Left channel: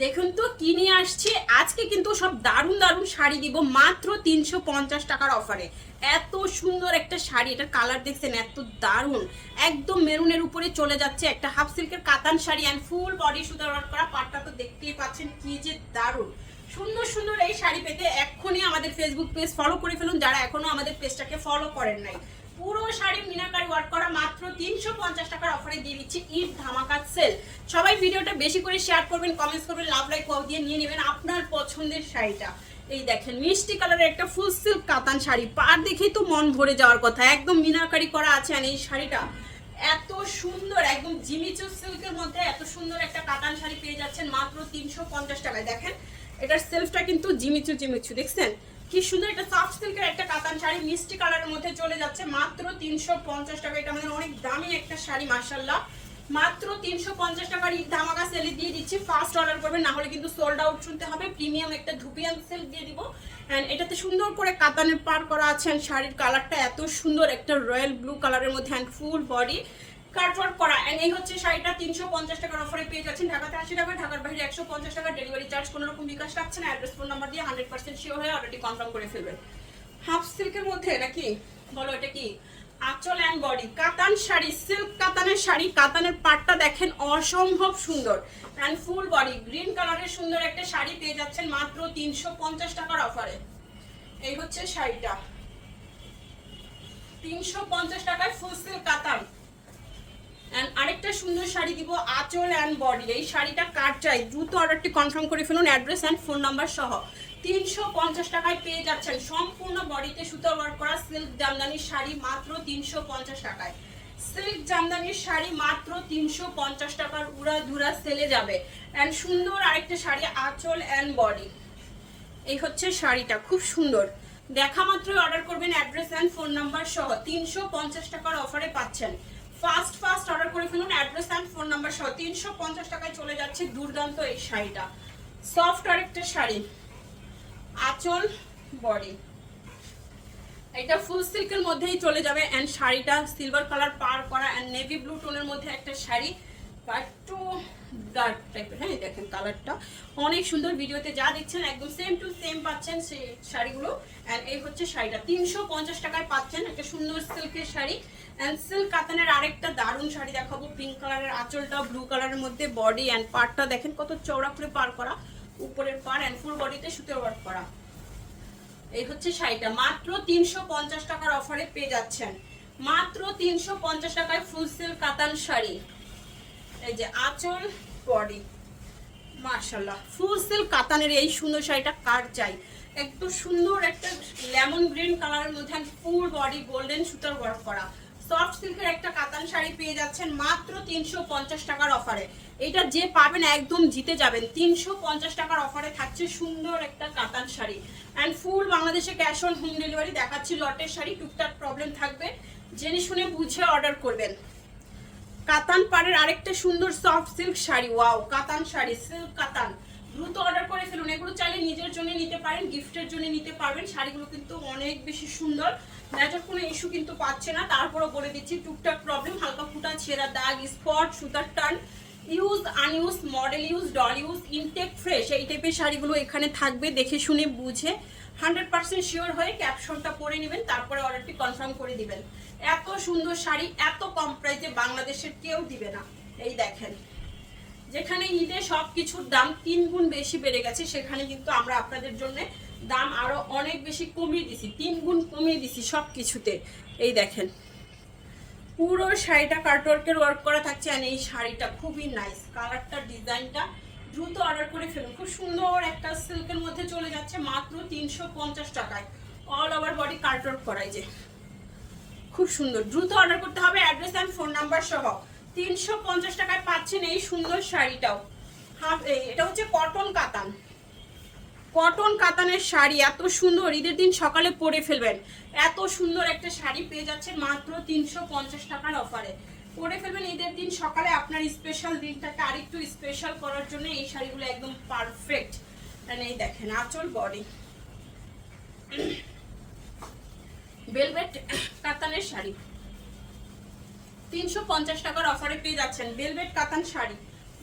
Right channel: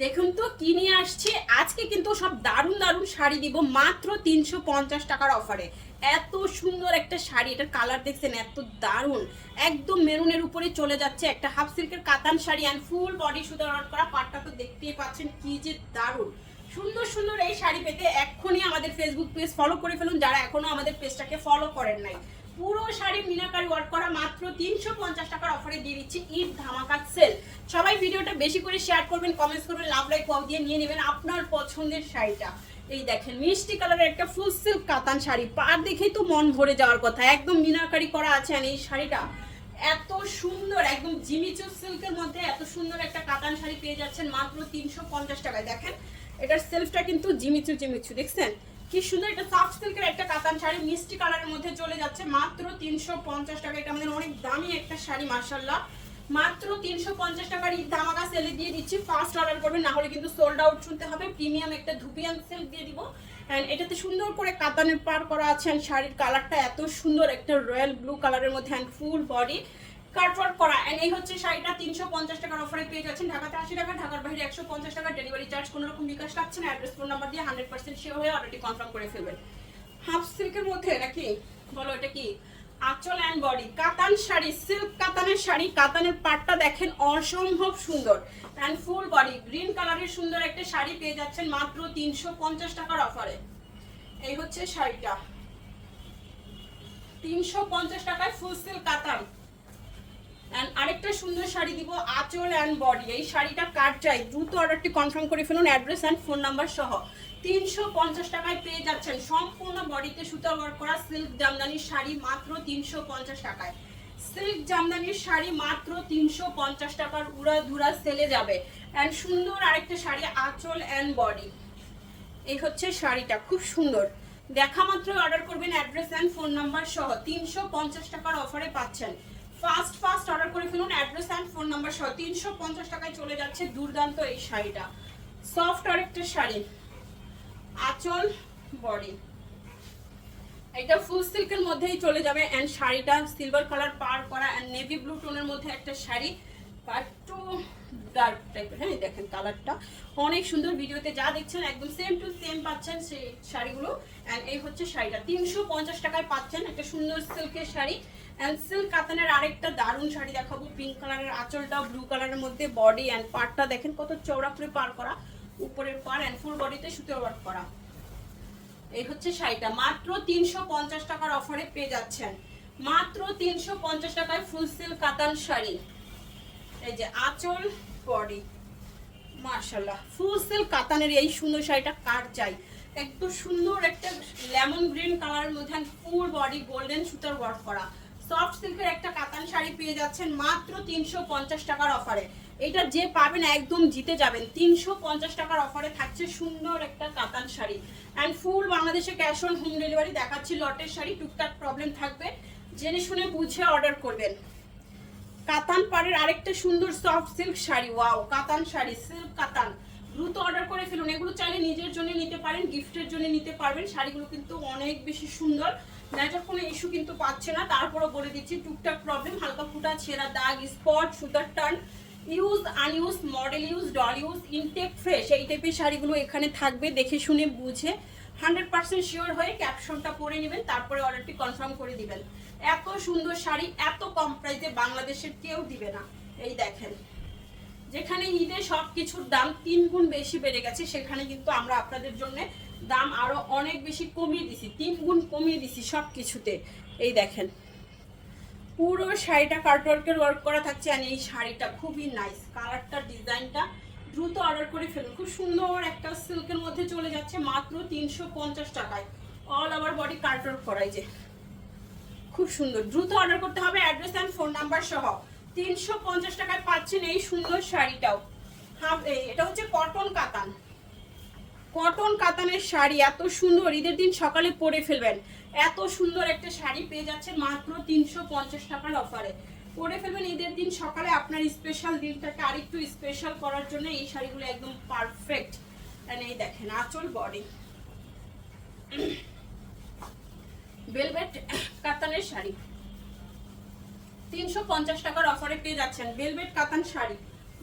দেখুন তো কি নিয়ে আসছি আজকে, কিন্তু সব দারুণ দারুণ শাড়ি দিব মাত্র 350 টাকার অফারে। এত সুন্দর একটা শাড়ি, এটার কালার দেখছেন এত দারুণ, একদম মেরুনের উপরে চলে যাচ্ছে একটা হাফ সিল্কের কাতান শাড়ি অ্যান্ড ফুল বডি সুতার ওয়ার্ক করা। পাটটা তো দেখতেই পাচ্ছেন কি যে দারুণ। সুন্দর সুন্দর এই শাড়ি পেতে এক্ষুনি আমাদের ফেসবুক পেজ ফলো করে ফেলুন, যারা এখনো আমাদের পেজটাকে ফলো করেন নাই। পুরো শাড়ি মিনাকারি ওয়ার্ক করা মাত্র 350 টাকার অফারে দিয়ে দিচ্ছি ঈদ ধামাকা সেল। সবাই ভিডিওটা বেশি করে শেয়ার করবেন, কমেন্টস করবেন, লাভ লাইক ওয়াও দিয়ে নিয়ে নেবেন আপনার পছন্দের শাড়িটা। এই দেখেন মিষ্টি কালারের একটা ফুল সিল্ক কাতান শাড়ি, পার দেখেই তো মন ভরে যাওয়ার কথা, একদম মিনাকারি করা আছে। আর এই শাড়িটা এত সুন্দর, একদম জিমিচু সিল্কের মধ্যে এত সুন্দর একটা কাতান শাড়ি পেয়ে যাচ্ছেন মাত্র 350 টাকায়। দেখেন এটার সেলফটা কিন্তু জিমিচু জিমিচু, দেখছেন কি সুন্দর। এটা সফট সিল্কের একটা কাতান শাড়ি মিষ্টি কালারের মধ্যে চলে যাচ্ছে মাত্র 350 টাকা। এটা আমাদের অনেক দামি একটা শাড়ি মাশাআল্লাহ, মাত্র 350 টাকার ঈদ ধামাকা সেলে দিয়ে দিচ্ছি। ফার্স্ট অর্ডার করবেন, না হলে কিন্তু সোল্ড আউট শুনতে হবে। প্রিমিয়াম একটা ধুপিয়ান সেল দিয়ে দিব। এন্ড এটাতে সুন্দর করে কাতানের পার করা আছে। এন্ড শাড়ির কালারটা এত সুন্দর, একটা রয়্যাল ব্লু কালারের মধ্যে এন্ড ফুল বডি কাটওয়ার্ক করা। এন্ড এই হচ্ছে শাড়িটা 350 টাকার অফারে পেয়ে যাচ্ছেন। ঢাকাতে 80 টাকা, ঢাকার বাইরে 150 টাকা। ডেলিভারি চার্জ কোনো রকম বিকাশ লাগছে না। অ্যাড্রেস ফোন নাম্বার দিয়ে 100% শিওর হয়ে অর্ডারটি কনফার্ম করে ফেলবেন। হাফ সিল্কের মধ্যে নাকি বলো, এটা কি আঁচল এন্ড বডি কাতান শাড়ি, সিল্ক কাতানের শাড়ি। কাতানের পাটটা দেখেন অসম্ভব সুন্দর এন্ড ফুল বডি গ্রিন কালারের সুন্দর একটা শাড়ি পেয়ে যাচ্ছেন মাত্র 350 টাকার অফারে। এই হচ্ছে শাড়িটা 350 টাকায় ফুল সিল্ক কাতান। এন্ড আরেকটা সুন্দর শাড়ি দিব আঁচল এন্ড বডি। এই শাড়িটা কার চাই দ্রুত অর্ডারটি কনফার্ম করে ফেলুন, অ্যাড্রেস এন্ড ফোন নাম্বার সহ। 350 টাকায় পেয়ে যাচ্ছেন সম্পূর্ণ বডিতে সুতার ওয়ার্ক করা সিল্ক জামদানির শাড়ি মাত্র 350 টাকায়। সিল্ক জামদানির শাড়ি মাত্র 350 টাকার উড়া ধুরা সেলে যাবে। এন্ড সুন্দর আরেকটা শাড়ি আঁচল এন্ড বডি। এই হচ্ছে শাড়িটা খুব সুন্দর, দেখা মাত্রই অর্ডার করবেন, অ্যাড্রেস এন্ড ফোন নাম্বার সহ। 350 টাকার অফারে পাচ্ছেন। ফার্স্ট অর্ডার করে ফেলুন, অ্যাড্রেস এন্ড ফোন নাম্বার সহ। 350 টাকায় চলে যাচ্ছে দুর্দান্ত এই শাড়িটা। সফট আরেকটা শাড়ি আঁচল বডি, এটা ফুল সিল্কের মধ্যেই চলে যাবে। এন্ড শাড়িটা সিলভার কালার পার করা এন্ড নেভি ব্লু টোনের মধ্যে একটা শাড়ি, একটু ডার্ক টাইপের। হ্যাঁ দেখেন কালারটা অনেক সুন্দর, ভিডিওতে যা দেখছেন একদম সেম টু সেম পাচ্ছেন সেই শাড়িগুলো। এন্ড এই হচ্ছে শাড়িটা 350 টাকায় পাচ্ছেন একটা সুন্দর সিল্কের শাড়ি। এন্ড সিল্ক কাতানের আরেকটা দারুণ শাড়ি দেখাবো, পিঙ্ক কালারের আঁচলটা ব্লু কালারের মধ্যে বডি এন্ড পাড়টা দেখেন কত চওড়া করে পার করা, উপরের পার এন্ড ফুল বডিতে সুতোর ওয়ার্ক করা। এই হচ্ছে শাড়িটা মাত্র 350 টাকার অফারে পেয়ে যাচ্ছেন। মাত্র 350 টাকায় ফুল সিল্ক কাতান শাড়ি। এই যে আঁচল বডি মাশাআল্লাহ, ফুল সিল্ক কাতানের এই সুন্দর শাড়িটা কার চাই। একটু সুন্দর একটা লেমন গ্রিন কালারের মধ্যে ফুল বডি গোল্ডেন সুতার ওয়ার্ক করা সফট সিল্কের একটা কাতান শাড়ি পেয়ে যাচ্ছেন মাত্র 350 টাকার অফারে। এটা যে পাবেন একদম জিতে যাবেন। 350 টাকার অফারে থাকছে সুন্দর একটা কাতান শাড়ি এন্ড ফুল বাংলাদেশে ক্যাশ অন হোম ডেলিভারি দেখাচ্ছি। লটের শাড়ি টুকটাক প্রবলেম থাকবে, জেনে শুনে বুঝে অর্ডার করবেন। কাতান পাড়ের আরেকটা সুন্দর সফট সিল্ক শাড়ি, ওয়াও কাতান শাড়ি সিল্ক কাতান, দ্রুত অর্ডার করে ফেলুন। এগুলো চাইলে নিজের জন্য নিতে পারেন, গিফটের জন্য নিতে পারবেন। শাড়িগুলো কিন্তু অনেক বেশি সুন্দর, মেজার কোনো ইস্যু কিন্তু পাচ্ছে না। তারপরও বলে দিচ্ছি টুকটাক প্রবলেম, হালকা ফুটা ছেঁড়া দাগ স্পট সুতার টান, use unuse model use doll use intact fresh, এই টাইপের শাড়িগুলো এখানে থাকবে। দেখে শুনে বুঝে 100% শিওর হয়ে ক্যাপশনটা পরে নেবেন, তারপরে অর্ডারটি কনফার্ম করে দিবেন। এত সুন্দর শাড়ি এত কম প্রাইসে বাংলাদেশের কেউ দিবে না। এই দেখেন যেখানে ঈদে সব কিছুর দাম 3 গুণ বেশি বেড়ে গেছে, সেখানে কিন্তু আমরা আপনাদের জন্য দাম আরো অনেক বেশি কমিয়ে দিছি, 3 গুণ কমিয়ে দিছি সব কিছুতে। এই দেখেন পুরো শাড়িটা কাটওয়ার্কের ওয়ার্ক করা থাকছে। আর এই শাড়িটা খুবই নাইস, কালারটা ডিজাইনটা দ্রুত অর্ডার করে ফেলুন। খুব সুন্দর একটা সিল্কের মধ্যে চলে যাচ্ছে মাত্র 350 টাকায়। অল ওভার বডি কাটওয়ার্ক করাই, যে খুব সুন্দর, দ্রুত অর্ডার করতে হবে, অ্যাড্রেস এন্ড ফোন নাম্বার সহ। 350 টাকায় পাচ্ছেন এই সুন্দর শাড়িটাও। এটা হচ্ছে কটন কাতান, কটন কাতানের শাড়ি এত সুন্দর, ঈদের দিন সকালে পরে ফেলবেন। এত সুন্দর একটা শাড়ি পেয়ে যাচ্ছেন মাত্র 350 টাকার অফারে। পরে ফেলবেন ঈদের দিন সকালে, আপনার স্পেশাল দিনটাকে আরেকটু স্পেশাল করার জন্য এই শাড়িগুলো একদম পারফেক্ট। এই দেখেন আঁচল বডি ভেলভেট কাতানের শাড়ি 350 টাকার অফারে পেয়ে যাচ্ছেন। ভেলভেট কাতান শাড়ি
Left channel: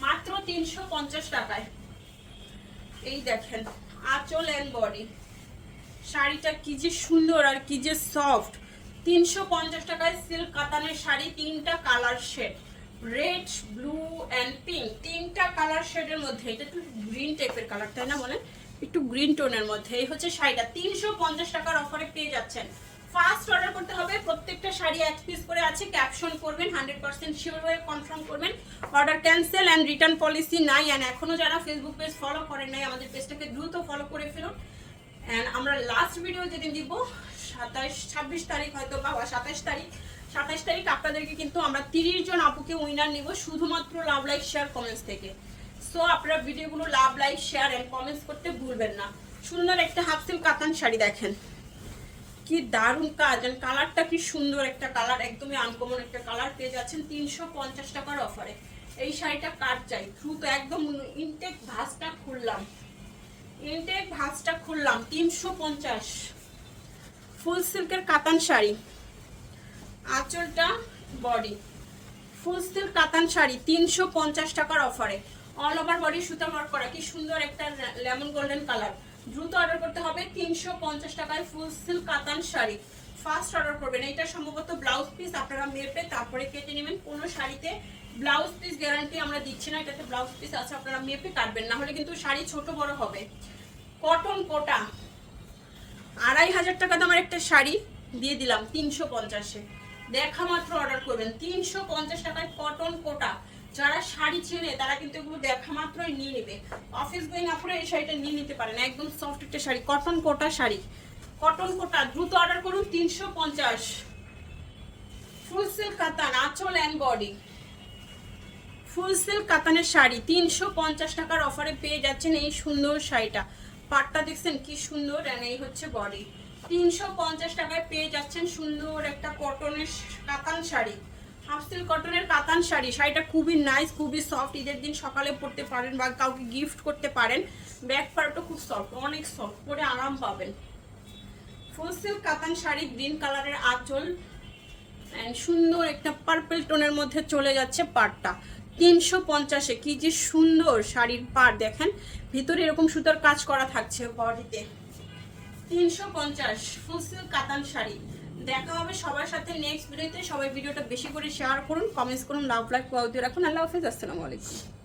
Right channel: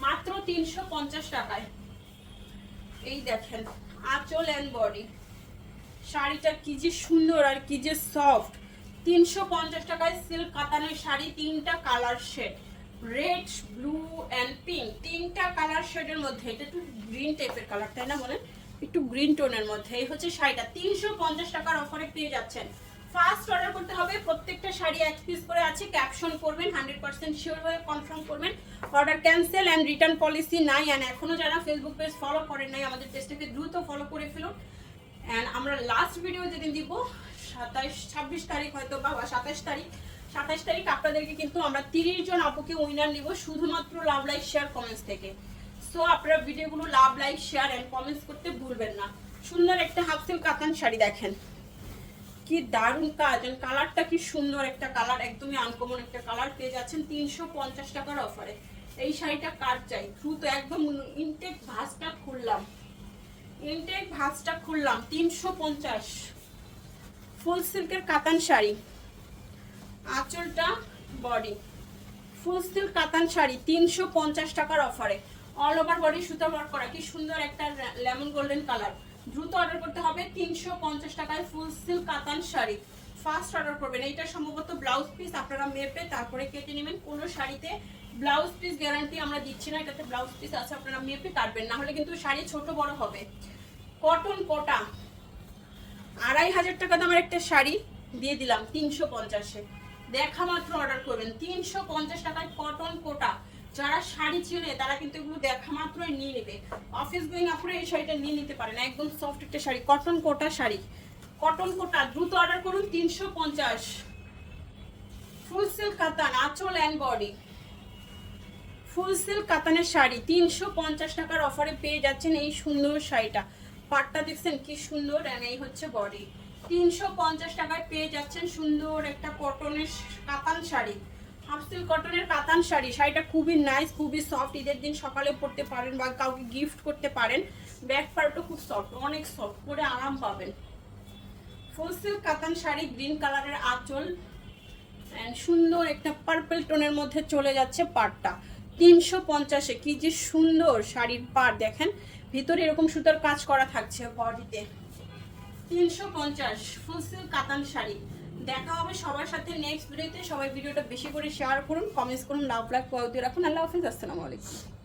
মাত্র 350 টাকায়। এই দেখেন আঁচল অ্যান্ড বডি, শাড়িটা কি যে সুন্দর আর কি যে সফট। 350 টাকায় সিল্ক কাতানের শাড়ি, 3টা colour shade, red, blue and pink, 3টা কালার শেডের মধ্যে। এটা একটু গ্রিন টাইপের কালার, তাই না বলেন? একটু গ্রিন টোনের মধ্যে। এই হচ্ছে শাড়িটা 350 টাকার অফারে পেয়ে যাচ্ছেন। ফার্স্ট অর্ডার করতে হবে, প্রত্যেকটা শাড়ি 1 পিস করে আছে, ক্যাপশন করবেন, 100% শিওর হয়ে কনফার্ম করবেন। Order cancel and return policy নাই। অ্যান্ড এখনো যারা ফেসবুক পেজ ফলো করেন নাই, আমাদের পেজটাকে দ্রুত ফলো করে ফেলুন। অ্যান্ড আমরা লাস্ট ভিডিও যেদিন দিব 26 তারিখ হয়তো বা 27 তারিখ আপনাদেরকে কিন্তু আমরা 30 জন আপুকে উইনার নিব শুধুমাত্র লাভ লাইক শেয়ার কমেন্টস থেকে। সো আপনারা ভিডিওগুলো love like share and comments করতে ভুলবেন না। সুন্দর একটা হাফ সিল্ক কাতান শাড়ি দেখেন, কি দারুণ কাজ, এন্ড কালারটা কি সুন্দর একটা কালার, একদমই আনকমন একটা কালার পেয়ে যাচ্ছেন 350 টাকার অফারে। এই শাড়িটা কার চাই দ্রুত, একদম ইনটেক ভাঁজটা খুললাম, 350 ফুল সিল্কের কাতান শাড়ি, আঁচলটা বডি, ফুল সিল্ক কাতান শাড়ি 350 টাকার অফারে, অল ওভার বডি সুতো ওয়ার্ক করা, কি সুন্দর একটা লেমন গোল্ডেন কালার। দ্রুত অর্ডার করতে হবে, 350 টাকায় ফুল সিল্ক কাতান শাড়ি ফার্স্ট অর্ডার করবেন। এটা সম্ভবত ব্লাউজ পিস, আপনারা মেপে তারপরে কেটে নেবেন। কোনো শাড়িতে ব্লাউজ পিস গ্যারান্টি আমরা দিচ্ছি না, এটাতে ব্লাউজ পিস আছে, আপনারা মেপে কাটবেন, না হলে কিন্তু শাড়ি ছোট বড় হবে। কটন কোটা 2500 টাকা দামের একটা শাড়ি দিয়ে দিলাম 350-এ, দেখা মাত্র অর্ডার করবেন। 350 টাকায় কটন কোটা, যারা শাড়ি চিনে তারা কিন্তু এগুলো দেখা মাত্রই নিয়ে নেবে। অফিস গোয়িং আপনারা এই শাড়িটা নিয়ে নিতে পারেন, একদম সফট একটা শাড়ি, কটন কোটা শাড়ি, কটন কোটা দ্রুত অর্ডার করুন 350। ফুল সিল্ক কাতান আঁচল অ্যান্ড বডি, ফুল সিল্ক কাতানের শাড়ি 350 টাকার অফারে পেয়ে যাচ্ছেন এই সুন্দর শাড়িটা। পাটটা দেখছেন কি সুন্দর, এন্ড এই হচ্ছে বডি। 350 টাকায় পেয়ে যাচ্ছেন সুন্দর একটা কটনের কাতান শাড়ি, হাফ সিল্ক কটনের কাতান শাড়ি। শাড়িটা খুবই নাইস, খুবই সফট, ঈদের দিন সকালে পরতে পারেন বা কাউকে গিফট করতে পারেন। ব্যাক পার্টও খুব সফট, অনেক সফট, পরে আরাম পাবেন। ফুল সিল্ক কাতান শাড়ি, গ্রিন কালারের আঁচল অ্যান্ড সুন্দর একটা পার্পল টোনের মধ্যে চলে যাচ্ছে পাড়টা। 350-এ কি যে সুন্দর শাড়ির পাড় দেখেন, ভিতরে এরকম সুতার কাজ করা থাকছে বডিতে। 350 ফুল সিল্ক কাতান শাড়ি। দেখা হবে সবার সাথে নেক্সট ভিডিওতে। সবাই ভিডিওটা বেশি করে শেয়ার করুন, কমেন্টস করুন, লাভ লাইক করে রাখুন। আল্লাহ হাফেজ, আসসালামু আলাইকুম।